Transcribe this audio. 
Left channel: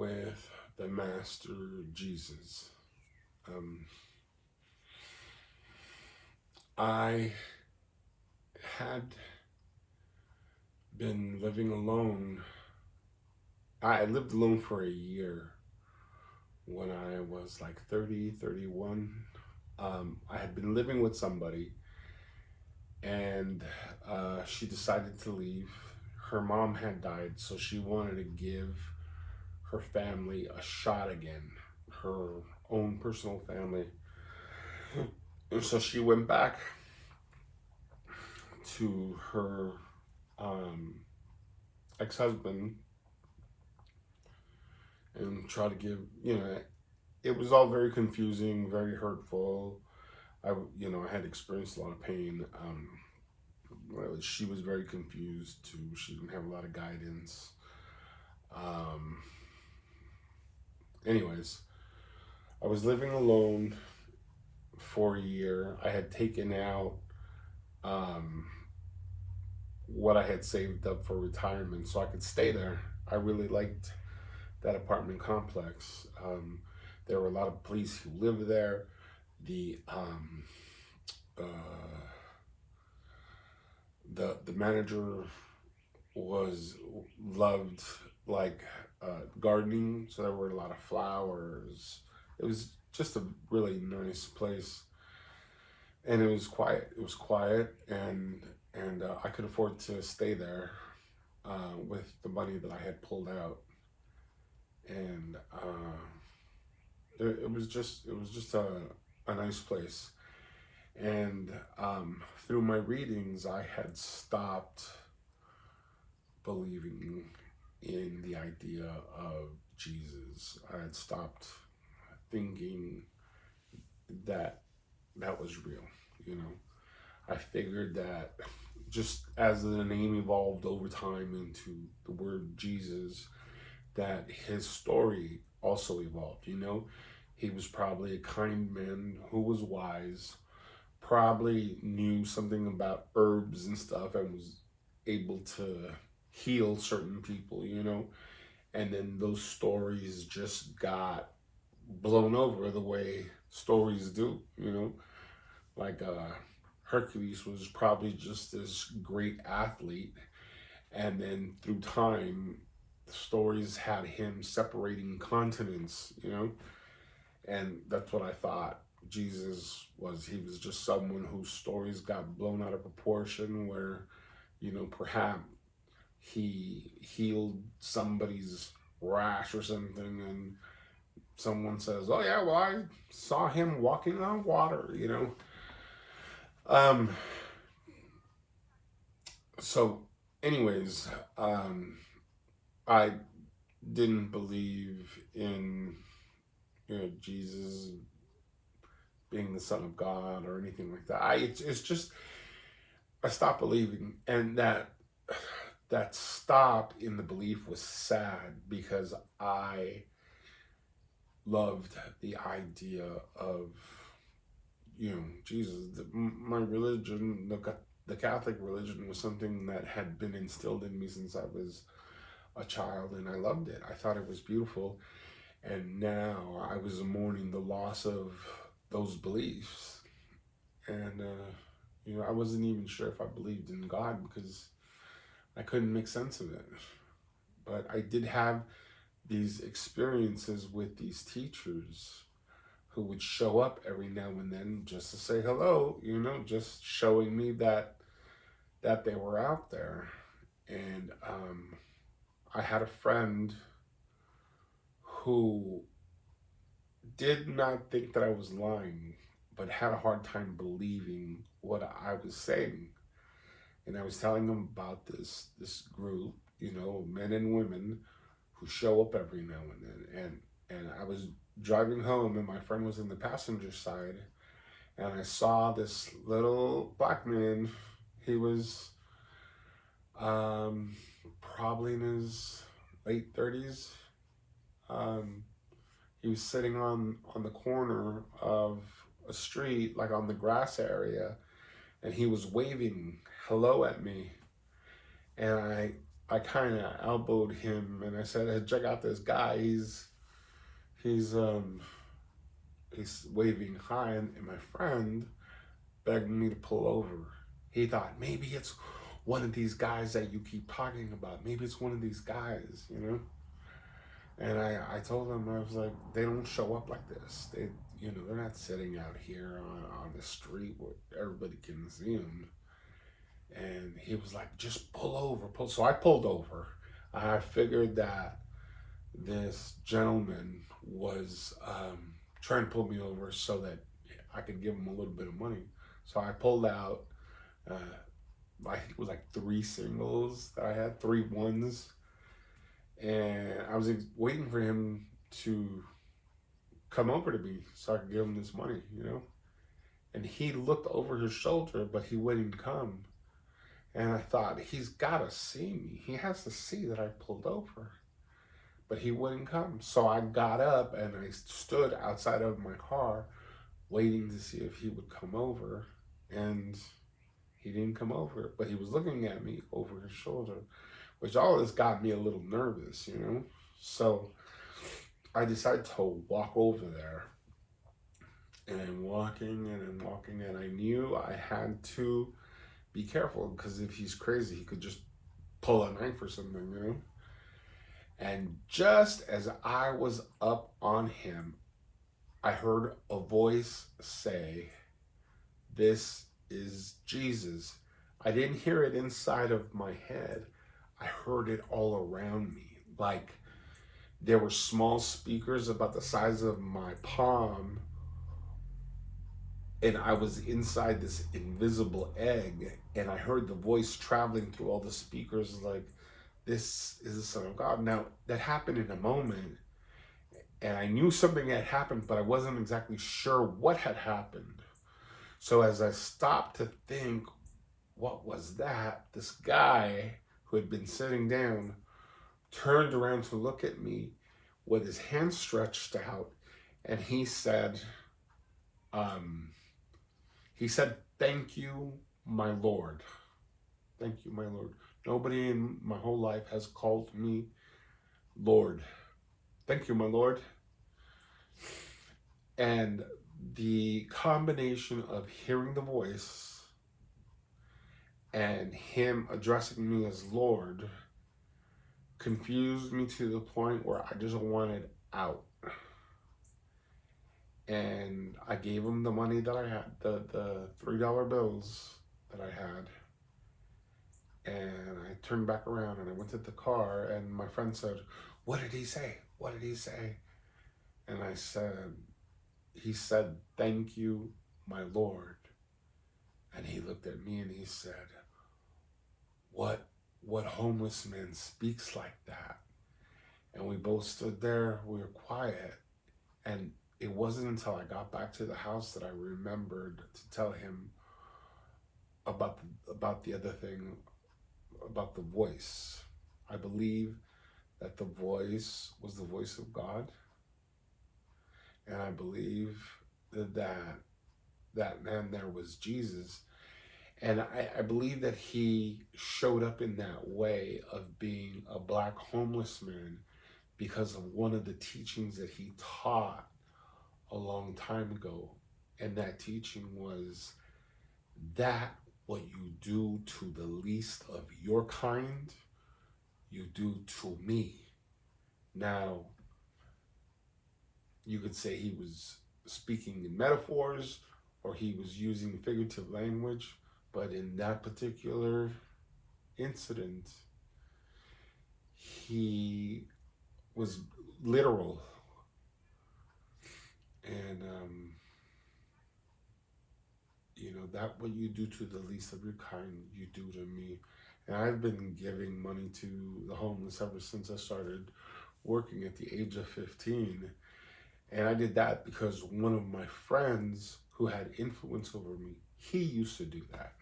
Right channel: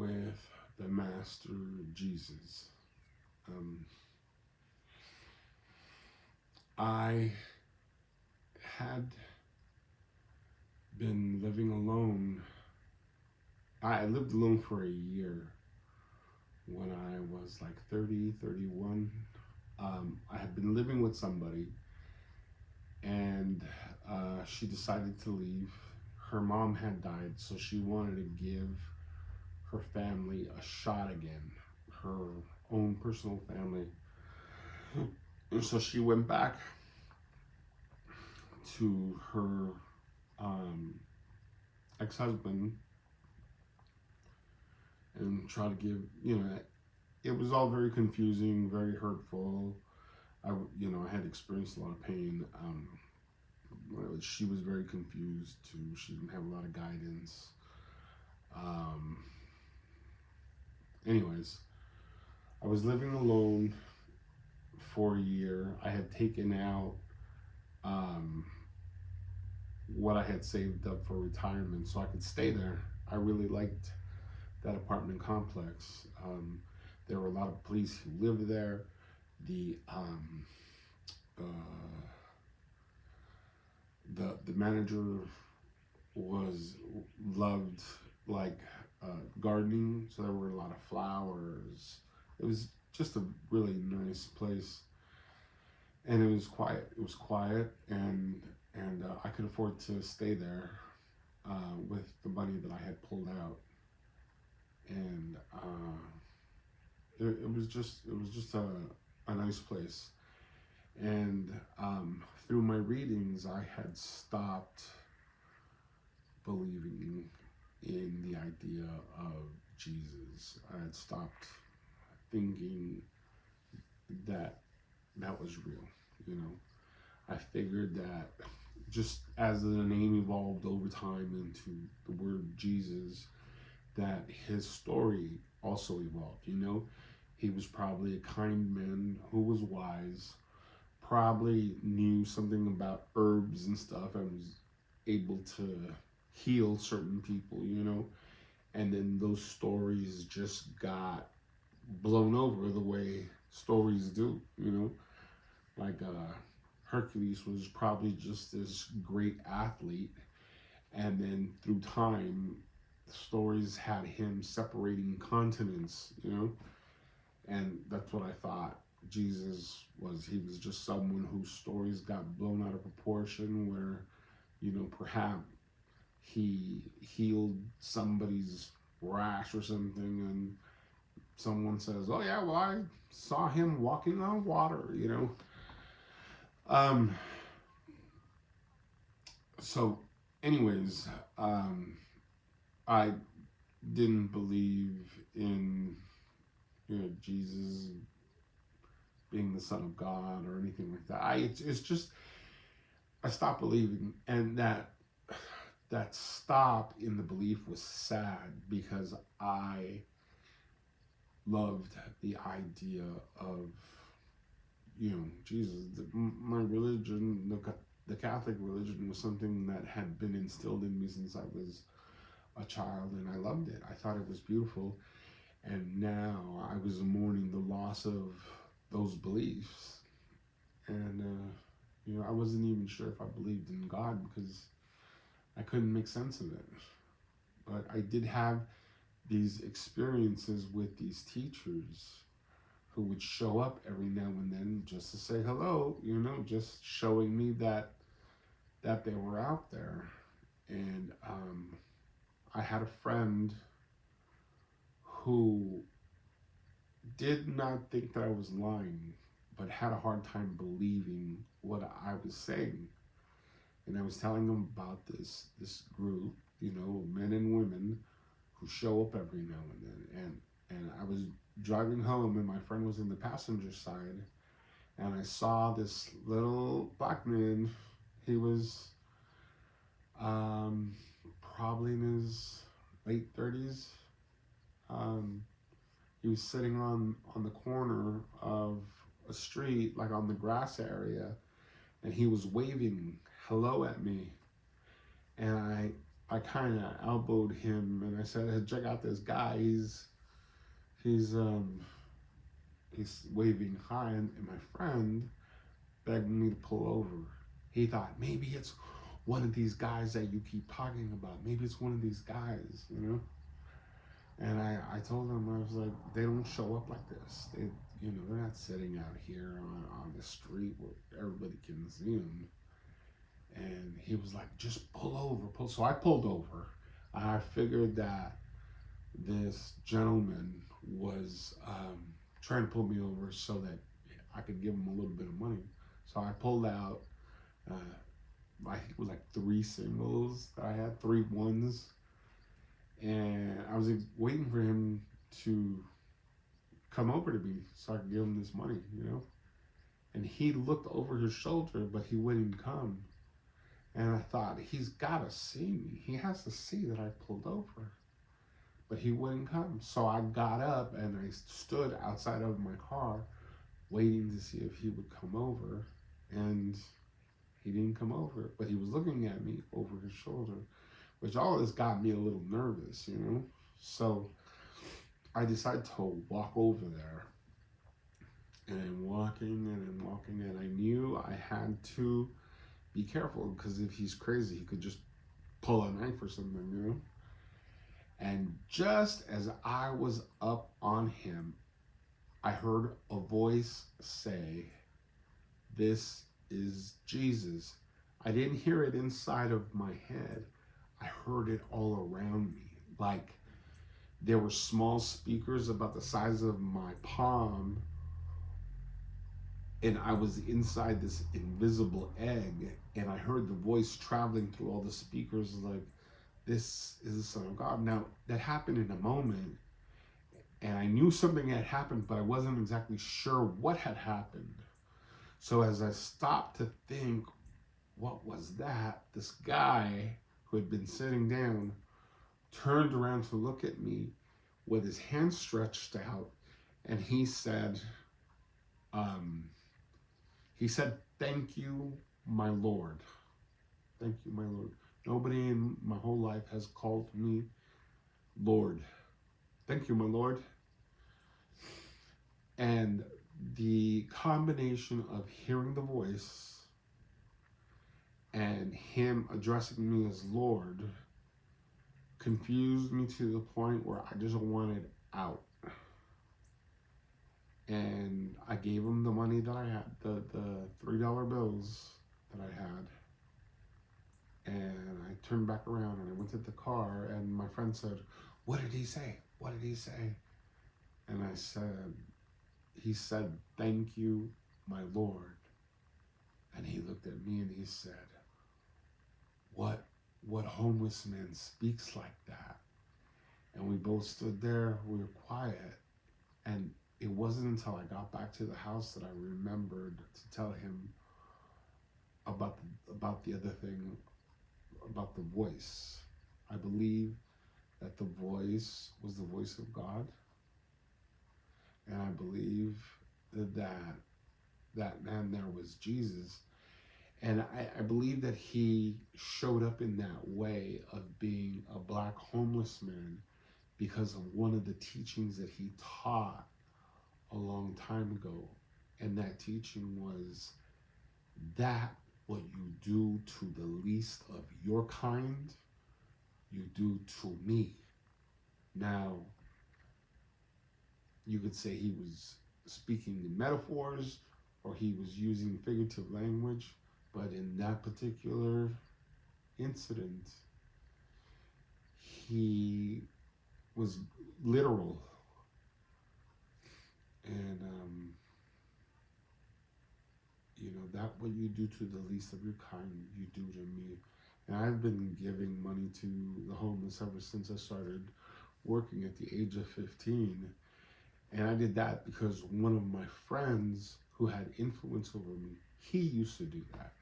with the Master Jesus. Um, I had been living alone. I lived alone for a year when I was like 30, 31. I had been living with somebody, and she decided to leave. Her mom had died, so she wanted to give her family a shot again, her own personal family. And so she went back to her um, ex-husband and tried to give, it was all very confusing, very hurtful. I had experienced a lot of pain. She was very confused too. She didn't have a lot of guidance. Um, anyways, I was living alone for a year. I had taken out um, what I had saved up for retirement so I could stay there. I really liked that apartment complex. There were a lot of police who lived there. The uh, the manager was loved like gardening, so there were a lot of flowers. It was just a really nice place, and it was quiet. It was quiet, and I could afford to stay there with the money that I had pulled out, and it was just a nice place. And through my readings, I had stopped believing in the idea of Jesus. I had stopped thinking that that was real, you know. I figured that just as the name evolved over time into the word Jesus, that his story also evolved, you know. He was probably a kind man who was wise, probably knew something about herbs and stuff and was able to heal certain people, you know. And then those stories just got blown over the way stories do, you know. Like Hercules was probably just this great athlete, and then through time, the stories had him separating continents, you know. And that's what I thought Jesus was. He was just someone whose stories got blown out of proportion, where, perhaps he healed somebody's rash or something, and someone says, "Oh yeah, well I saw him walking on water," you know. Um. So, anyways, I didn't believe in Jesus being the Son of God or anything like that. It's just I stopped believing, and that stop in the belief was sad because I loved the idea of Jesus. My religion, the Catholic religion, was something that had been instilled in me since I was a child, and I loved it. I thought it was beautiful, and now I was mourning the loss of those beliefs, and I wasn't even sure if I believed in God because I couldn't make sense of it. But I did have these experiences with these teachers who would show up every now and then just to say hello, just showing me that they were out there. And I had a friend who did not think that I was lying, but had a hard time believing what I was saying. And I was telling him about this group, men and women who show up every now and then. And I was driving home, and my friend was in the passenger side, and I saw this little black man. He was probably in his late 30s. He was sitting on the corner of a street, like on the grass area, and he was waving hello at me. And I kind of elbowed him and I said, "Hey, check out this guy. He's he's waving hi," and my friend begged me to pull over. He thought maybe it's one of these guys that you keep talking about. Maybe it's one of these guys, you know. And I told him, I was like, they don't show up like this. They're not sitting out here on the street where everybody can see them. And he was like, just pull over, pull. So I pulled over. I figured that this gentleman was trying to pull me over so that I could give him a little bit of money. So I pulled out, I think it was like 3 singles that I had, 3 ones. And I was waiting for him to come over to me so I could give him this money, you know? And he looked over his shoulder, but he wouldn't come. And I thought, he's got to see me. He has to see that I pulled over. But he wouldn't come. So I got up and I stood outside of my car waiting to see if he would come over. And he didn't come over. But he was looking at me over his shoulder, which all this got me a little nervous, you know? So I decided to walk over there. And I'm walking, and I knew I had to be careful, because if he's crazy, he could just pull a knife or something, you know? And just as I was up on him, I heard a voice say, "This is Jesus." I didn't hear it inside of my head. I heard it all around me. Like there were small speakers about the size of my palm, and I was inside this invisible egg, and I heard the voice traveling through all the speakers like, "This is the Son of God." Now, that happened in a moment, and I knew something had happened, but I wasn't exactly sure what had happened. So as I stopped to think, what was that? This guy who had been sitting down turned around to look at me with his hand stretched out, and he said, "Thank you, my Lord. Thank you, my Lord. Nobody in my whole life has called me Lord. Thank you, my Lord." And the combination of hearing the voice and him addressing me as Lord confused me to the point where I just wanted out. And I gave him the money that I had, the $3 bills that I had. And I turned back around and I went to the car, and my friend said, "What did he say? What did he say?" And I said, "He said, 'Thank you, my Lord.'" And he looked at me and he said, What homeless man speaks like that?" And we both stood there, we were quiet. And it wasn't until I got back to the house that I remembered to tell him about the other thing, about the voice. I believe that the voice was the voice of God. And I believe that man there was Jesus. And I believe that he showed up in that way of being a black homeless man because of one of the teachings that he taught a long time ago. And that teaching was that what you do to the least of your kind, you do to me. Now, you could say he was speaking in metaphors or he was using figurative language, but in that particular incident, he was literal. And, that what you do to the least of your kind, you do to me. And I've been giving money to the homeless ever since I started working at the age of 15. And I did that because one of my friends who had influence over me, he used to do that.